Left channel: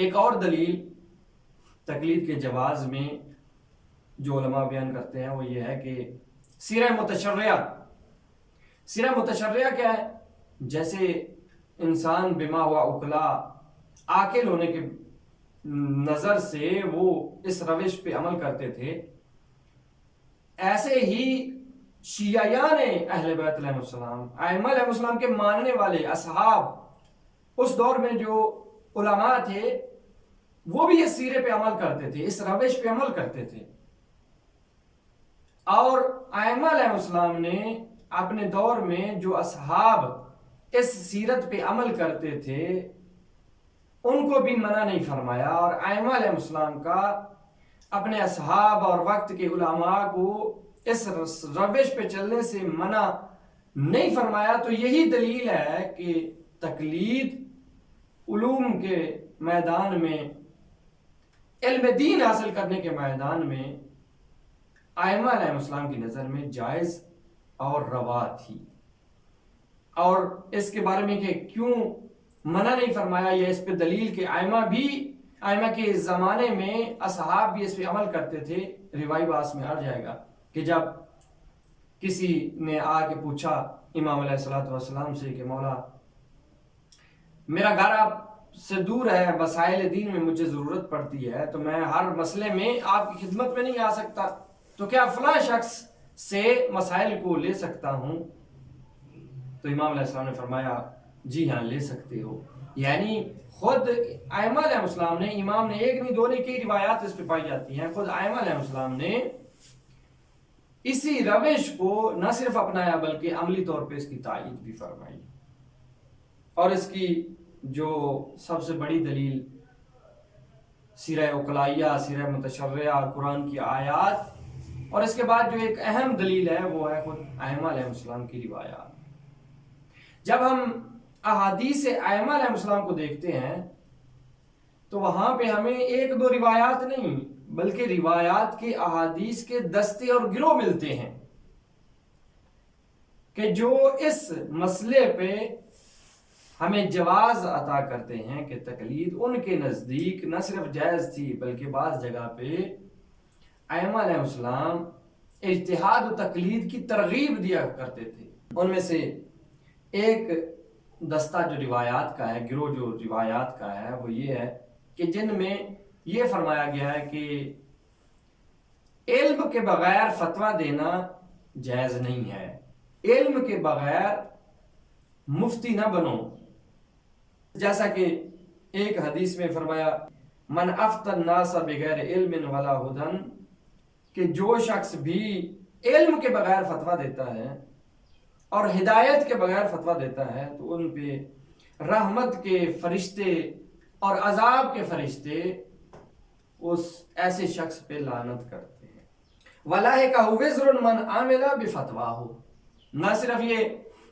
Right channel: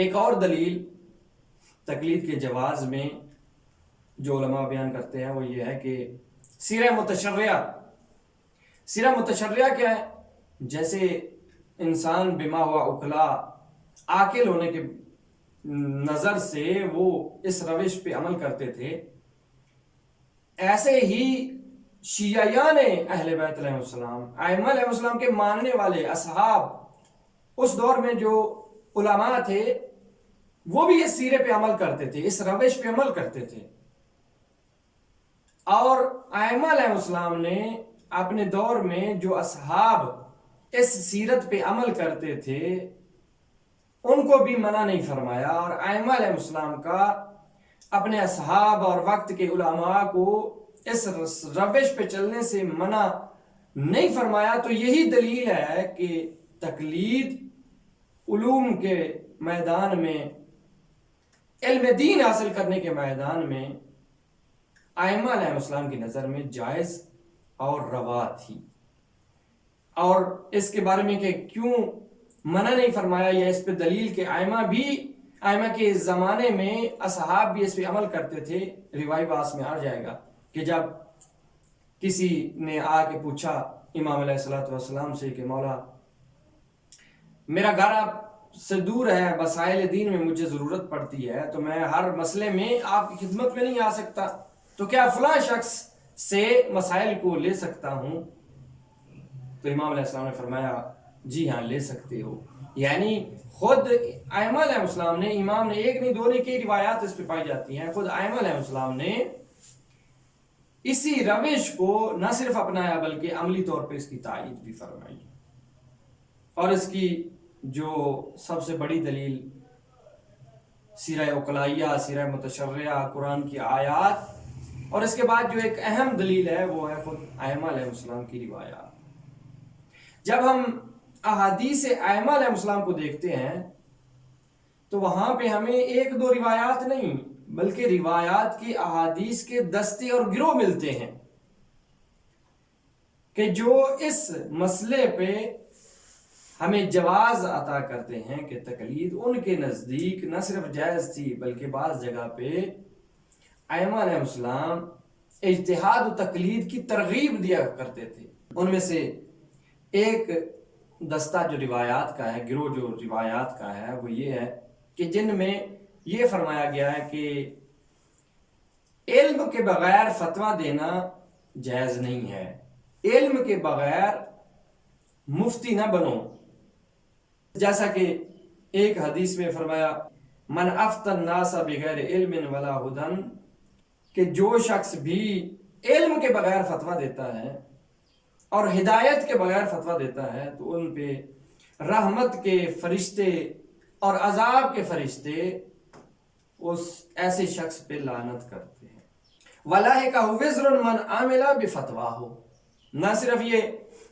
ایک اور دلیل تقلید کے جواز میں جو علماء بیان کرتے ہیں وہ یہ ہے کہ سیرہ متشرعہ کیا ہے؟ جیسے انسان بما ہوا اکلا عاقل ہونے کے نظر سے وہ اس روش پہ عمل کرتے تھے، ایسے ہی شیعیان اہل بیت علیہ السلام، ائمہ علیہ السلام کے ماننے والے اصحاب اس دور میں جو علماء تھے وہ بھی اس سیرے پہ عمل کرتے تھے، اس روش پہ عمل کرتے تھے. اور ائمہ علیہ السلام نے اپنے دور میں جو اصحاب اس سیرت پہ عمل کرتے تھے ان کو بھی منع نہیں فرمایا، اور ائمہ علیہ السلام کا اپنے اصحاب اور وقت کے علماء کو اس روش پہ چلنے سے منع نہیں فرمایا. تو یہی دلیل ہے کہ تقلید علوم کے میدان میں، علم دین حاصل کرنے کے میدان میں ائمہ علیہ السلام کی نظر میں جائز اور روا تھی. اور اس کے بارے میں کہ کیوں منع نہیں فرمایا، یا اس پہ دلیل کہ ائمہ کے زمانے میں اصحاب بھی اس پہ عمل کرتے تھے، روایت باس میں آ جائے گا کہ جب کسی نے آ کے پوچھا امام علیہ السلام سے کہ مولا میرا گھر آپ سے دور ہے، مسائل دین میں مجھے ضرورت پڑتی ہے، تو میں ہر مسئلے میں آپ کی خدمت میں نہیں آ سکتا، تو کیا فلاں شخص سے مسائل کو لے سکتا ہوں؟ تو امام علیہ السلام نے فرمایا جی ہاں لے سکتے ہو. یعنی خود ائمہ علیہ السلام نے، امام نے ایک نہیں دو نہیں کئی روایات اس پہ پائی جاتی ہیں، خود ائمہ علیہ السلام نے اسی روش کو نہ صرف اپنایا بلکہ عملی طور پہ اس کی تائید بھی فرمائی. اور اس کی جو سب سے بڑی دلیل سیرہ عقلائیہ، سیرہ متشرعہ، قرآن کی آیات، اور اس کے بعد جو ایک اہم دلیل ہے وہ ہے خود ائمہ علیہ السلام کی روایات. جب ہم احادیث ائمہ علیہ السلام کو دیکھتے ہیں تو وہاں پہ ہمیں ایک دو روایات نہیں بلکہ روایات کے احادیث کے دستے اور گروہ ملتے ہیں کہ جو اس مسئلے پہ ہمیں جواز عطا کرتے ہیں کہ تقلید ان کے نزدیک نہ صرف جائز تھی بلکہ بعض جگہ پہ ائمہ علیہ السلام اجتہاد و تقلید کی ترغیب دیا کرتے تھے. ان میں سے ایک دستہ جو روایات کا ہے، گروہ جو روایات کا ہے، وہ یہ ہے کہ جن میں یہ فرمایا گیا ہے کہ علم کے بغیر فتویٰ دینا جائز نہیں ہے، علم کے بغیر مفتی نہ بنو. جیسا کہ ایک حدیث میں فرمایا من افتی الناس بغیر علم ولا ہدی، کہ جو شخص بھی علم کے بغیر فتویٰ دیتا ہے اور ہدایت کے بغیر فتویٰ دیتا ہے تو ان پہ رحمت کے فرشتے اور عذاب کے فرشتے اس ایسے شخص پہ لعنت کرتے ہیں. وَلَائِکَ وِزْرٌ مَنْ عَمِلَ بِفَتْوَاهُ، نہ صرف یہ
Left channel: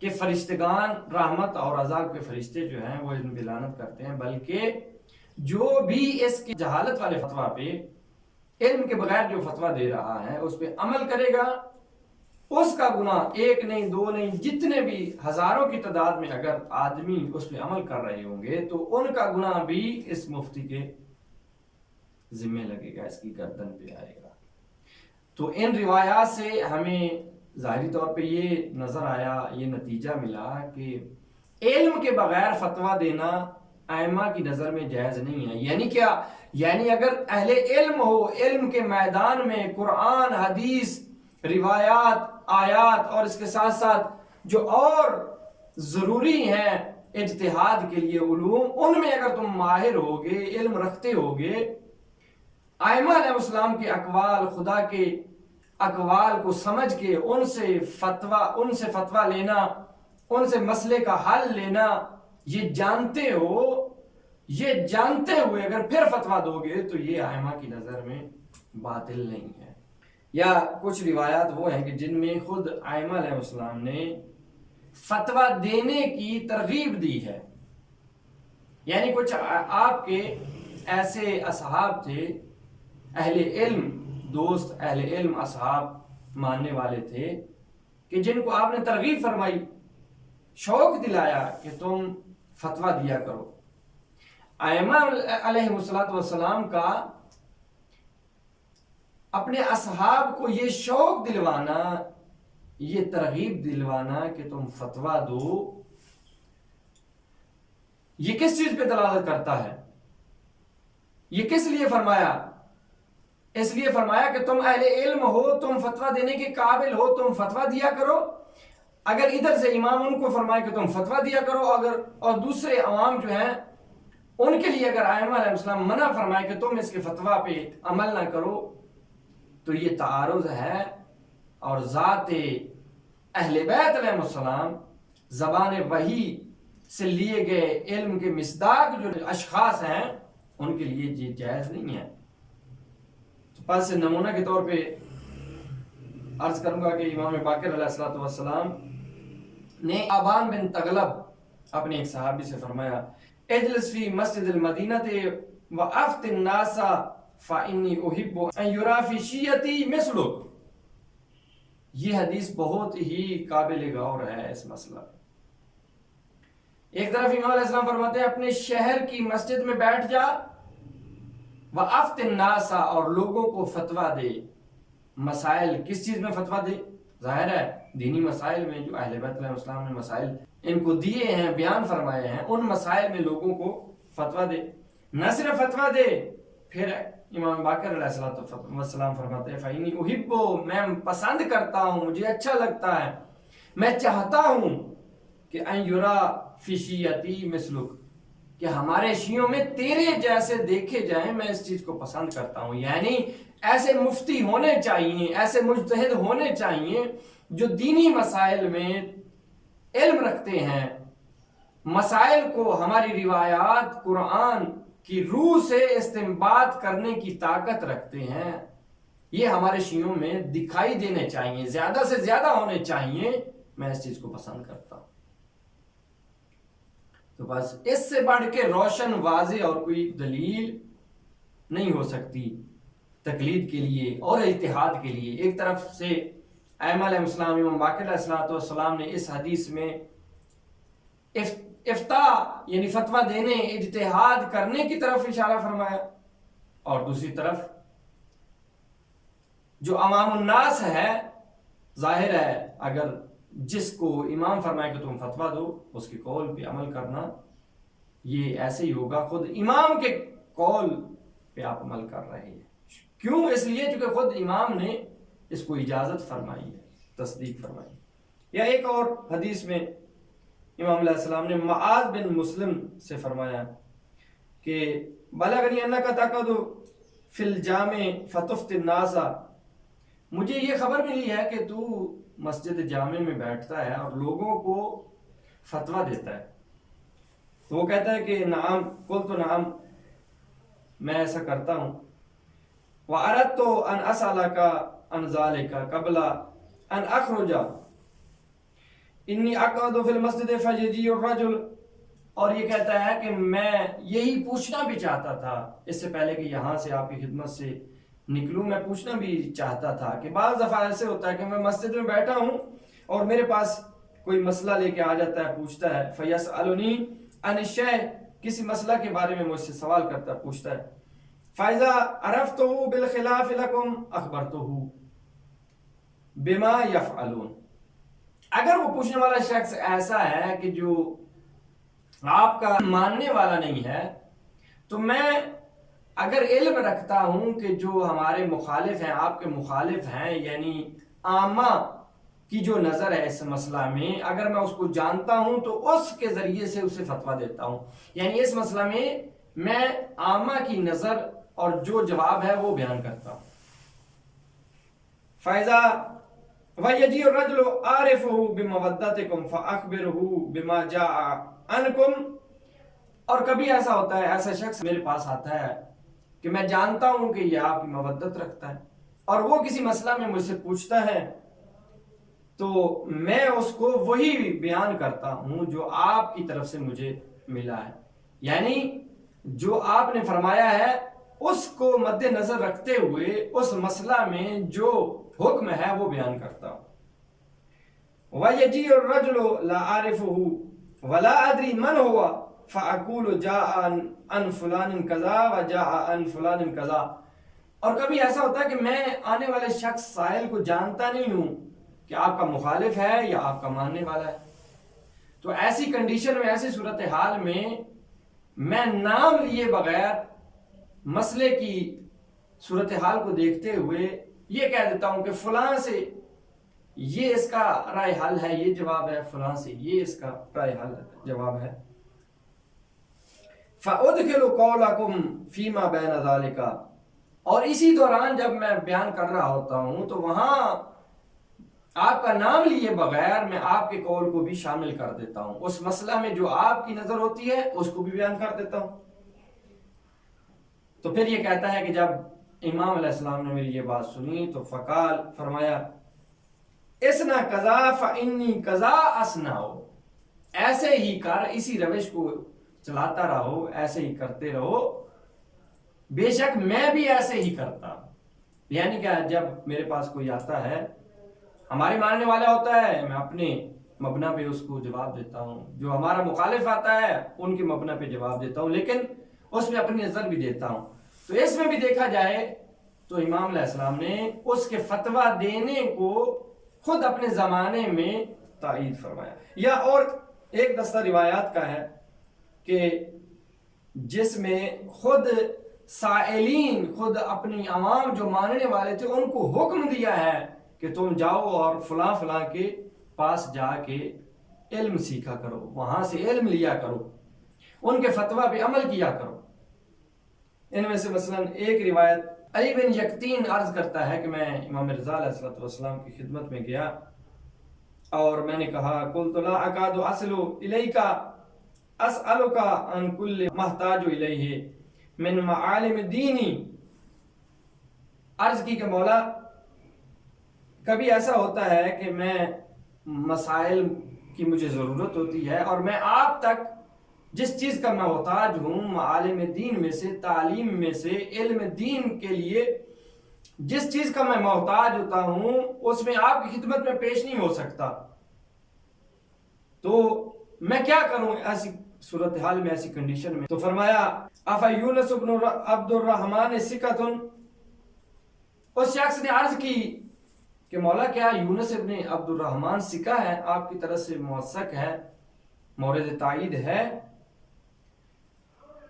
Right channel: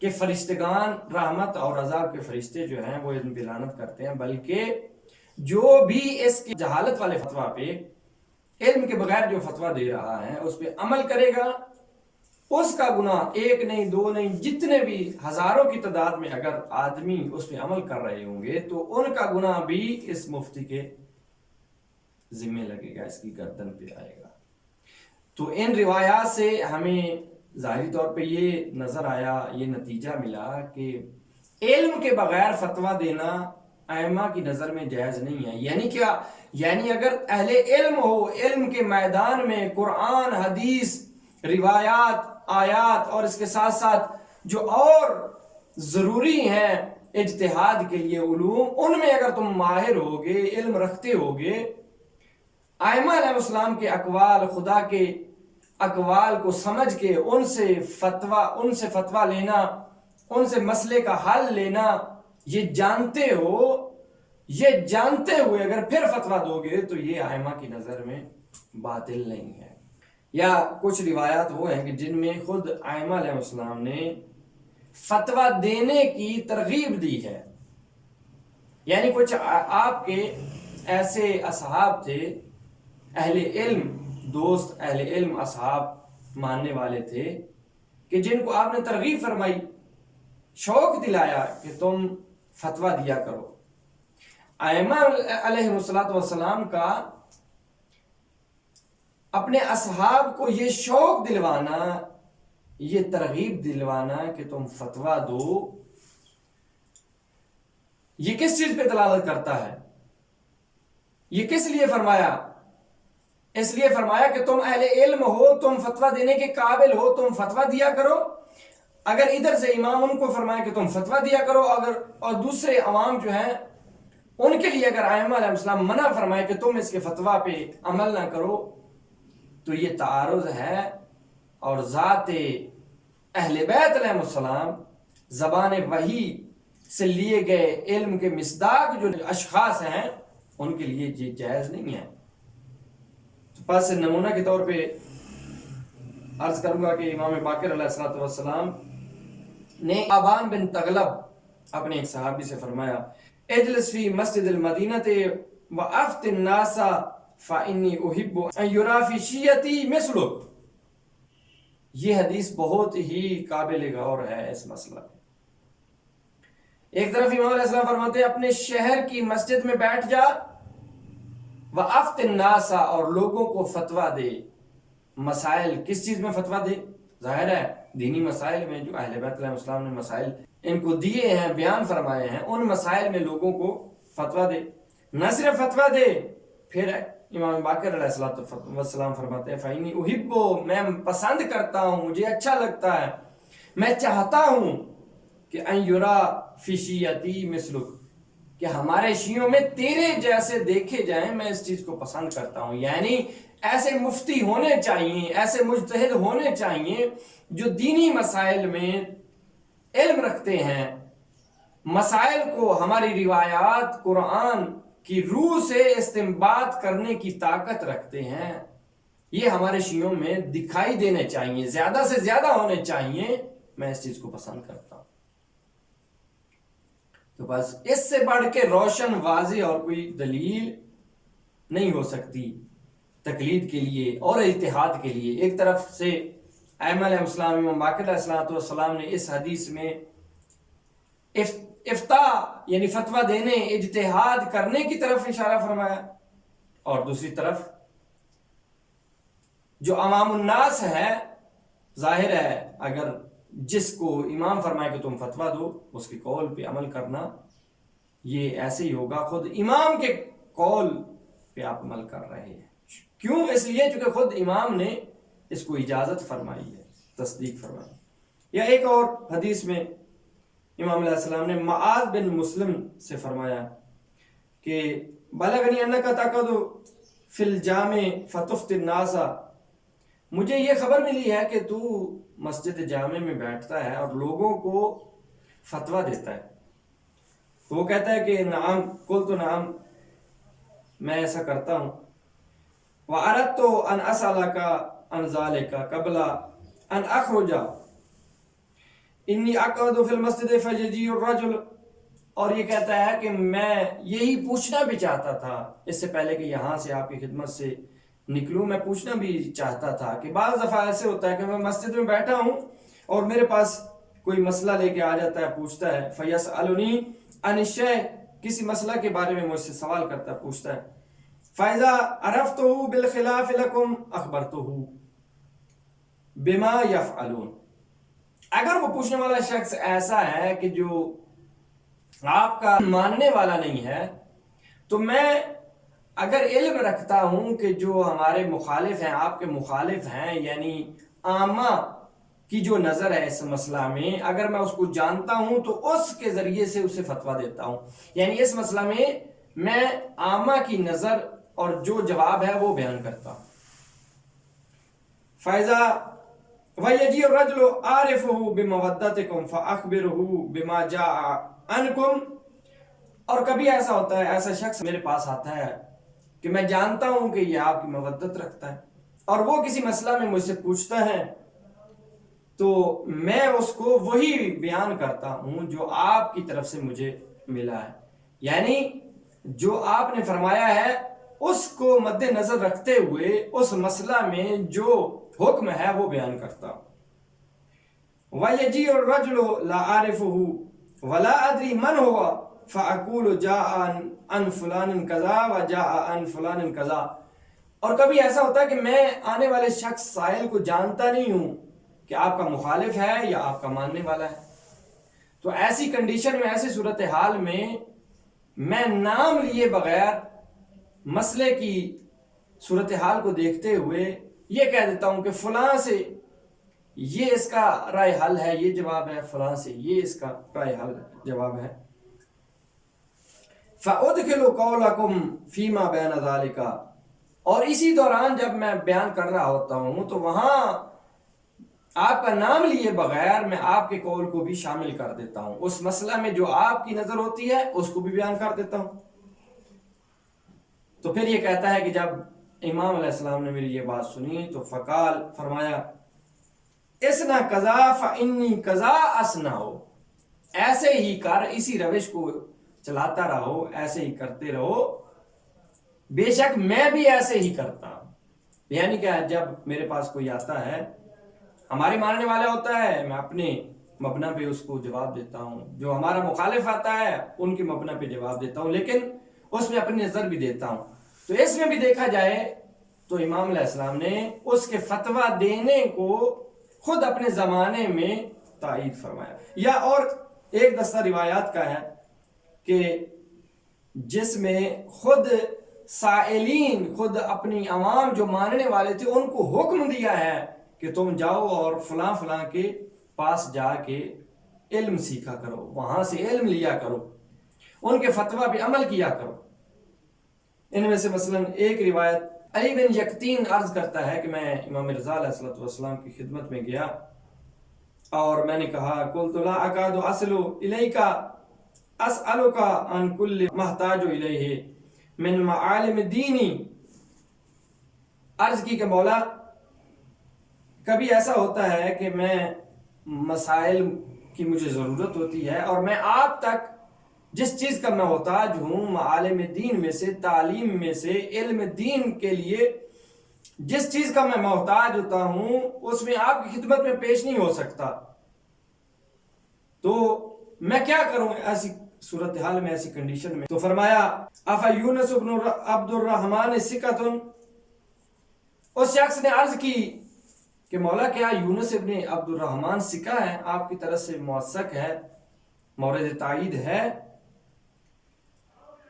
کہ فرشتگان رحمت اور عذاب کے فرشتے جو ہیں وہ ان پہ لعنت کرتے ہیں، بلکہ جو بھی اس کی جہالت والے فتویٰ پہ، علم کے بغیر جو فتویٰ دے رہا ہے اس پہ عمل کرے گا، اس کا گناہ ایک نہیں دو نہیں جتنے بھی ہزاروں کی تعداد میں اگر آدمی اس پہ عمل کر رہے ہوں گے تو ان کا گناہ بھی اس مفتی کے ذمہ لگے گا، اس کی گردن پہ آئے گا. تو ان روایات سے ہمیں ظاہری طور پہ یہ نظر آیا، یہ نتیجہ ملا کہ علم کے بغیر فتویٰ دینا ائمہ کی نظر میں جائز نہیں ہے. یعنی کیا؟ یعنی اگر اہل علم ہو، علم کے میدان میں قرآن، حدیث، روایات، آیات اور اس کے ساتھ ساتھ جو اور ضروری ہیں اجتہاد کے لیے علوم، ان میں اگر تم ماہر ہوگے، علم رکھتے ہوگے، ائمہ علیہ السلام کے اقوال، خدا کے اقوال کو سمجھ کے ان سے فتویٰ لینا، ان سے مسئلے کا حل لینا، یہ جانتے ہوئے اگر پھر فتویٰ دو گے تو یہ ائمہ کی نظر میں باطل نہیں ہے. یا کچھ روایات وہ ہیں کہ جن میں خود ائمہ علیہ السلام نے فتویٰ دینے کی ترغیب دی ہے. یعنی کچھ آپ کے ایسے اصحاب تھے، اہل علم دوست، اہل علم اصحاب ماننے والے تھے کہ جن کو آپ نے ترغیب فرمائی، شوق دلایا کہ تم فتویٰ دیا کرو. ائمہ علیہم کا اپنے اصحاب کو یہ شوق دلوانا، یہ ترغیب دلوانا کہ تم فتویٰ دو، یہ کس چیز پہ دلالت کرتا ہے؟ یہ کس لیے فرمایا؟ اس لیے فرمایا کہ تم اہل علم ہو، تم فتویٰ دینے کے قابل ہو، تم فتویٰ دیا کرو۔ اگر ادھر سے امام ان کو فرمائے کہ تم فتویٰ دیا کرو، اور دوسرے عوام جو ہیں ان کے لیے اگر ائمہ علیہ السلام منع فرمائے کہ تم اس کے فتویٰ پہ عمل نہ کرو، تو یہ تعارض ہے۔ اور ذات اہل بیت علیہ السلام زبان وحی سے لیے گئے علم کے مصداق جو اشخاص ہیں ان کے لیے یہ جائز نہیں ہے۔ تو پاس نمونہ کے طور پہ عرض کروں گا کہ امام باقر علیہ السلام نے آبان بن تغلب اپنے ایک صحابی سے فرمایا، اجلس فی مسجد المدینہ وافت الناس فانی احب ان یرا فی شیعتی مثلک۔ یہ حدیث بہت ہی قابل غور ہے اس مسئلہ پہ۔ ایک طرف امام علیہ السلام فرماتے ہیں اپنے شہر کی مسجد میں بیٹھ جا، وافت الناس، اور لوگوں کو فتویٰ دے۔ مسائل کس چیز میں فتویٰ دے؟ ظاہر ہے دینی مسائل میں جو اہل بیت علیہ السلام نے مسائل ان کو دیے ہیں، بیان فرمائے ہیں، ان مسائل میں لوگوں کو فتویٰ دے۔ نہ صرف فتویٰ دے، پھر امام باقر علیہ السلام فرماتے ہیں فَإِنِّي أُحِبُّ، میں پسند کرتا ہوں، مجھے اچھا لگتا ہے، میں چاہتا ہوں کہ ان یرا فی شیعتی مثلک، کہ ہمارے شیعوں میں تیرے جیسے دیکھے جائیں، میں اس چیز کو پسند کرتا ہوں۔ یعنی ایسے مفتی ہونے چاہیے، ایسے مجتہد ہونے چاہیے جو دینی مسائل میں علم رکھتے ہیں، مسائل کو ہماری روایات قرآن کی روح سے استنباط کرنے کی طاقت رکھتے ہیں۔ یہ ہمارے شیعوں میں دکھائی دینے چاہیے، زیادہ سے زیادہ ہونے چاہیے۔ میں اس چیز کو پسند کرتا ہوں۔ تو بس اس سے بڑھ کے روشن واضح اور کوئی دلیل نہیں ہو سکتی تقلید کے لیے اور اجتہاد کے لیے۔ ایک طرف سے ائمہ علیہ السلام، امام باقر علیہ السلام نے اس حدیث میں افتاء یعنی فتویٰ دینے، اجتہاد کرنے کی طرف اشارہ فرمایا، اور دوسری طرف جو عوام الناس ہے، ظاہر ہے اگر جس کو امام فرمائے کہ تم فتویٰ دو، اس کے قول پہ عمل کرنا یہ ایسے ہی ہوگا، خود امام کے قول پہ آپ عمل کر رہے ہیں۔ کیوں؟ اس لیے چونکہ خود امام نے اس کو اجازت فرمائی ہے، تصدیق فرمائی۔ یا ایک اور حدیث میں امام علیہ السلام نے معاذ بن مسلم سے فرمایا کہ بلغنی انک تقعد فی الجامع فتفتی الناس، مجھے یہ خبر ملی ہے کہ تو مسجد جامع میں بیٹھتا ہے اور لوگوں کو فتویٰ دیتا ہے۔ تو وہ کہتا ہے کہ نعم، قلت نعم، میں ایسا کرتا ہوں۔ وَأَرَدْتُ أَنْ أَسْأَلَكَ عَنْ ذَلِكَ قَبْلَ أَنْ أَخْرُجَ إِنِّي أَقْعُدُ فِي الْمَسْجِدِ فَيَجِيءُ الرَّجُلُ، اور یہ کہتا ہے کہ میں یہی پوچھنا بھی چاہتا تھا اس سے پہلے کہ یہاں سے آپ کی خدمت سے نکلوں، میں پوچھنا بھی چاہتا تھا کہ بعض دفعہ ایسے ہوتا ہے کہ میں مسجد میں بیٹھا ہوں اور میرے پاس کوئی مسئلہ لے کے آ جاتا ہے، پوچھتا ہے، فَيَسْأَلُنِي عَنِ الشَّيْءِ، کسی مسئلہ کے بارے میں مجھ سے سوال کرتا ہے، پوچھتا ہے، فَإِذَا عَرَفْتُهُ بِالْخِلَافِ لَكُمْ أَخْبَرْتُهُ بِمَا يَفْعَلُونَ۔ اگر وہ پوچھنے والا شخص ایسا ہے کہ جو آپ کا ماننے والا نہیں ہے، تو میں اگر علم رکھتا ہوں کہ جو ہمارے مخالف ہیں، آپ کے مخالف ہیں، یعنی عامہ کی جو نظر ہے اس مسئلہ میں، اگر میں اس کو جانتا ہوں تو اس کے ذریعے سے اسے فتویٰ دیتا ہوں۔ یعنی اس مسئلہ میں عامہ کی نظر اور جو جواب ہے وہ بیان کرتا ہوں۔ فَإِذَا وَيَجِيءُ الرَّجُلُ أَعْرِفُهُ بِمَوَدَّتِكُمْ فَأَخْبِرُهُ بِمَا جَاءَ عَنْكُمْ، اور کبھی ایسا ہوتا ہے، ایسا شخص میرے پاس آتا ہے کہ میں جانتا ہوں کہ یہ آپ کی مودت رکھتا ہے، اور وہ کسی مسئلہ میں مجھ سے پوچھتا ہے تو میں اس کو وہی بیان کرتا ہوں جو آپ کی طرف سے مجھے ملا ہے، یعنی جو آپ نے فرمایا ہے اس کو مد نظر رکھتے ہوئے اس مسئلہ میں جو حکم ہے وہ بیان کرتا ہوں۔ وَيَجِيءُ الرَّجُلُ لَا أَعْرِفُهُ وَلَا أَدْرِي مَنْ هُوَ فَأَقُولُ جَاءَ عَنْ فُلَانٍ كَذَا وَجَاءَ عَنْ فُلَانٍ كَذَا. اور کبھی ایسا ہوتا ہے کہ میں آنے والے شخص سائل کو جانتا نہیں ہوں کہ آپ کا مخالف ہے یا آپ کا ماننے والا ہے. تو ایسی کنڈیشن میں، ایسی صورتحال میں نام لیے بغیر مسئلے کی صورتحال کو دیکھتے ہوئے یہ کہہ دیتا ہوں کہ فلاں سے یہ اس کا رائے حل ہے، یہ جواب ہے، فلاں سے یہ اس کا رائے حل جواب ہے. فَأُدْخِلُ قَوْلَكُمْ فِي مَا بَيْنَ ذَلِكَ. اور اسی دوران جب میں بیان کر رہا ہوتا ہوں تو وہاں آپ کا نام لیے بغیر میں آپ کے قول کو بھی شامل کر دیتا ہوں. اس مسئلہ میں جو آپ کی نظر ہوتی ہے اس کو بھی بیان کر دیتا ہوں. تو پھر یہ کہتا ہے کہ جب امام علیہ السلام نے میری یہ بات سنی تو فقال، فرمایا، اسنا قضا فانی قضا اسنا. ہو ایسے ہی کر، اسی روش کو چلاتا رہو، ایسے ہی کرتے رہو، بے شک میں بھی ایسے ہی کرتا ہوں. یعنی کہ جب میرے پاس کوئی آتا ہے ہمارے ماننے والا ہوتا ہے، میں اپنے مبنا پہ اس کو جواب دیتا ہوں. جو ہمارا مخالف آتا ہے ان کے مبنا پہ جواب دیتا ہوں، لیکن اس میں اپنی نظر بھی دیتا ہوں. تو اس میں بھی دیکھا جائے تو امام علیہ السلام نے اس کے فتویٰ دینے کو خود اپنے زمانے میں تائید فرمایا. یا اور ایک دستہ روایات کا ہے کہ جس میں خود سائلین، خود اپنی عوام جو ماننے والے تھے ان کو حکم دیا ہے کہ تم جاؤ اور فلاں فلاں کے پاس جا کے علم سیکھا کرو، وہاں سے علم لیا کرو، ان کے فتویٰ پہ عمل کیا کرو. ان میں سے مثلا ایک روایت علی بن یقطین عرض کرتا ہے کہ میں امام رضا علیہ السلام کی خدمت میں گیا اور میں نے کہا، قلت لا اکاد اصل الیک اسألک عن کل محتاج الیہ من معالم دینی. عرض کی کہ مولا، کبھی ایسا ہوتا ہے کہ میں مسائل کی مجھے ضرورت ہوتی ہے اور میں آپ تک جس چیز کا میں محتاج ہوں، معالم دین میں سے، تعلیم میں سے، علم دین کے لیے جس چیز کا میں محتاج ہوتا ہوں اس میں آپ کی خدمت میں پیش نہیں ہو سکتا. تو میں کیا کروں ایسی صورتحال میں، ایسی کنڈیشن میں؟ تو فرمایا، افا یونس بن عبد الرحمن ثقۃ. اس شخص نے عرض کی کہ مولا، کیا یونس ابن عبد الرحمن ثقہ ہے، آپ کی طرف سے موثق ہے، مورد تائید ہے؟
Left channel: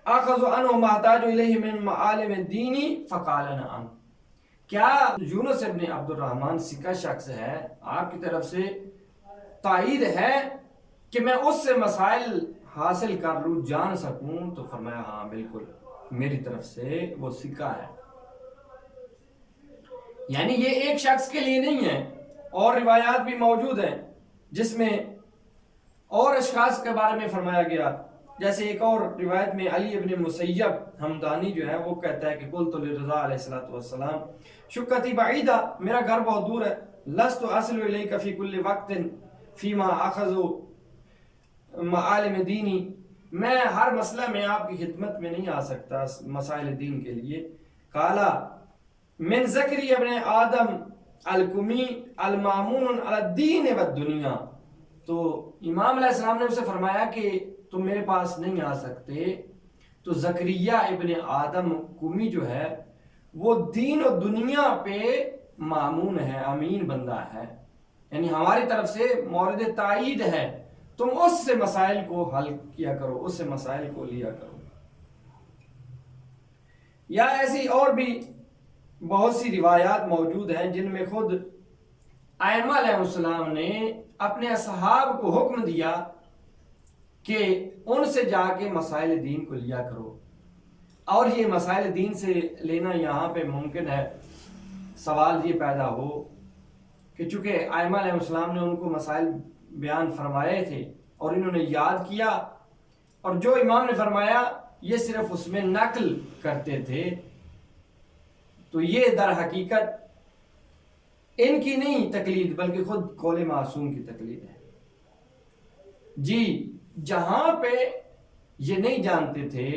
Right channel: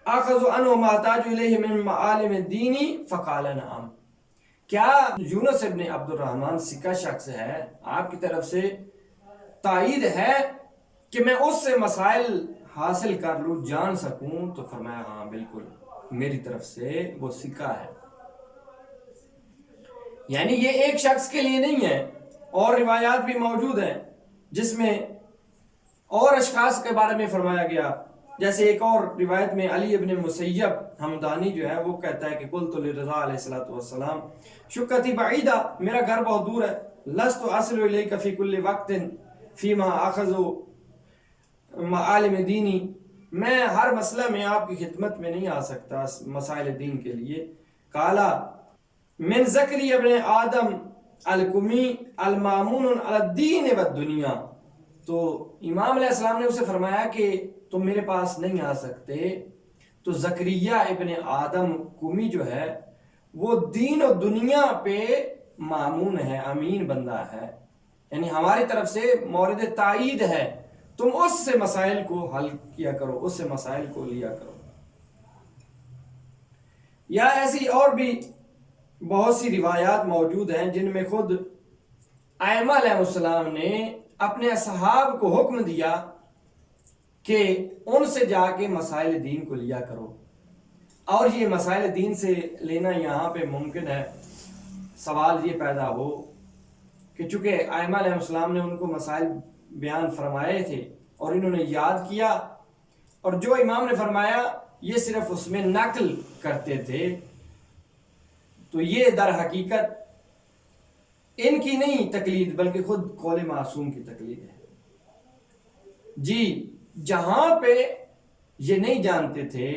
اخذ عنہ محتاج الیہ من معالم دینی فقال نعم. کیا یونس ابن عبد الرحمن ثقہ شخص ہے، آپ کی طرف سے تائید ہے کہ میں اس سے مسائل حاصل کر لوں، جان سکوں؟ تو فرمایا، ہاں بالکل، میری طرف سے وہ ثقہ ہے. یعنی یہ ایک شخص کے لیے نہیں ہے، اور روایات بھی موجود ہیں جس میں اور اشخاص کے بارے میں فرمایا گیا. جیسے ایک اور روایت میں علی ابن مسیب حمدانی جو ہے وہ کہتا ہے کہ قلت لرضا علیہ السلام شقتی بعیدہ، میرا گھر بہت دور ہے، لست اصل الیک فی کل وقت فیما اخذ معالم دینی، میں ہر مسئلہ میں آپ کی خدمت میں نہیں آ سکتا مسائل دین کے لیے. قالا من ذکری ابن آدم الکمی المامون علی الدین والدنیا. تو امام علیہ السلام نے اسے فرمایا کہ تم میرے پاس نہیں آ سکتے، تو زکریہ ابن آدم کمی جو ہے وہ دین و دنیا پہ مامون ہے، امین بندہ ہے، یعنی ہماری طرف سے مورد تائید ہے، تم اس سے مسائل کو حل کیا کرو، اس سے مسائل کو لیا کرو. یا ایسی اور بھی بہت سی روایات موجود ہیں جن میں خود ائمہ علیہ السلام نے اپنے اصحاب کو حکم دیا کہ ان سے جا کے مسائل دین کو لیا کرو. اور یہ مسائل دین سے لینا یہاں پہ ممکن ہے. سوال یہ پیدا ہو کہ چونکہ ائمہ علیہ السلام نے ان کو مسائل بیان فرمائے تھے اور انہوں نے یاد کیا، اور جو امام نے فرمایا یہ صرف اس میں نقل کرتے تھے، تو یہ در حقیقت ان کی نہیں تقلید بلکہ خود قول معصوم کی تقلید ہے. جی جہاں پہ یہ نہیں جانتے تھے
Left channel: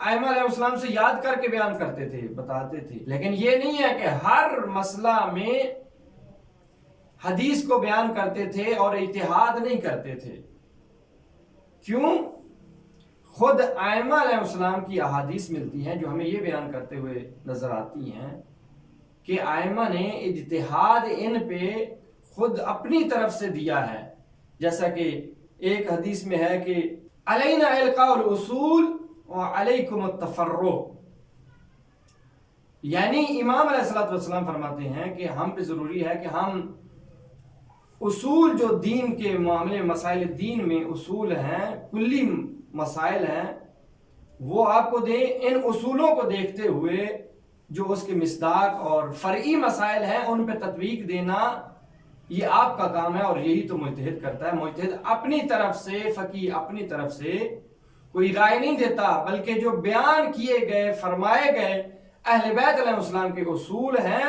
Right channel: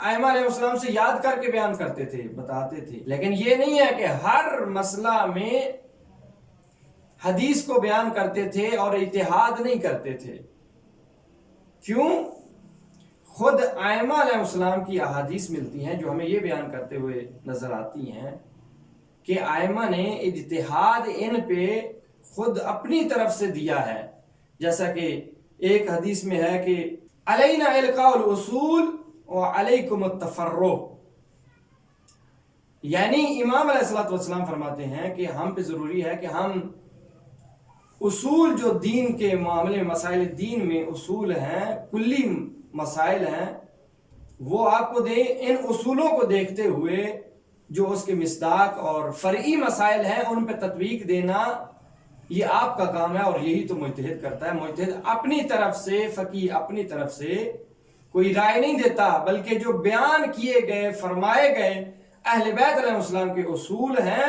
ائمہ علیہ السلام سے یاد کر کے بیان کرتے تھے، بتاتے تھے، لیکن یہ نہیں ہے کہ ہر مسئلہ میں حدیث کو بیان کرتے تھے اور اجتہاد نہیں کرتے تھے. کیوں؟ خود ائمہ علیہ السلام کی احادیث ملتی ہیں جو ہمیں یہ بیان کرتے ہوئے نظر آتی ہیں کہ ائمہ نے اجتہاد ان پہ خود اپنی طرف سے دیا ہے. جیسا کہ ایک حدیث میں ہے کہ علینا القاء الاصول وعلیکم التفرع، یعنی امام علیہ السلام فرماتے ہیں کہ ہم پہ ضروری ہے کہ ہم اصول جو دین کے معاملے مسائل دین میں اصول ہیں، کلی مسائل ہیں، وہ آپ کو دیں. ان اصولوں کو دیکھتے ہوئے جو اس کے مصداق اور فرعی مسائل ہیں ان پہ تطبیق دینا یہ آپ کا کام ہے، اور یہی تو مجتہد کرتا ہے. مجتہد اپنی طرف سے، فقیہ اپنی طرف سے کوئی رائے نہیں دیتا، بلکہ جو بیان کیے گئے فرمائے گئے اہل بیت علیہ السلام کے اصول ہیں،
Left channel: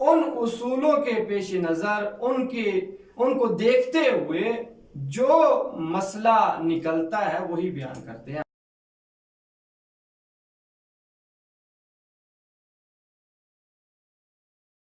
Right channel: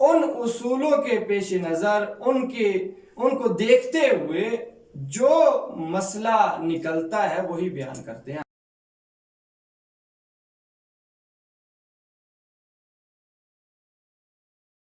ان اصولوں کے پیش نظر ان کو دیکھتے ہوئے جو مسئلہ نکلتا ہے وہی بیان کرتے ہیں.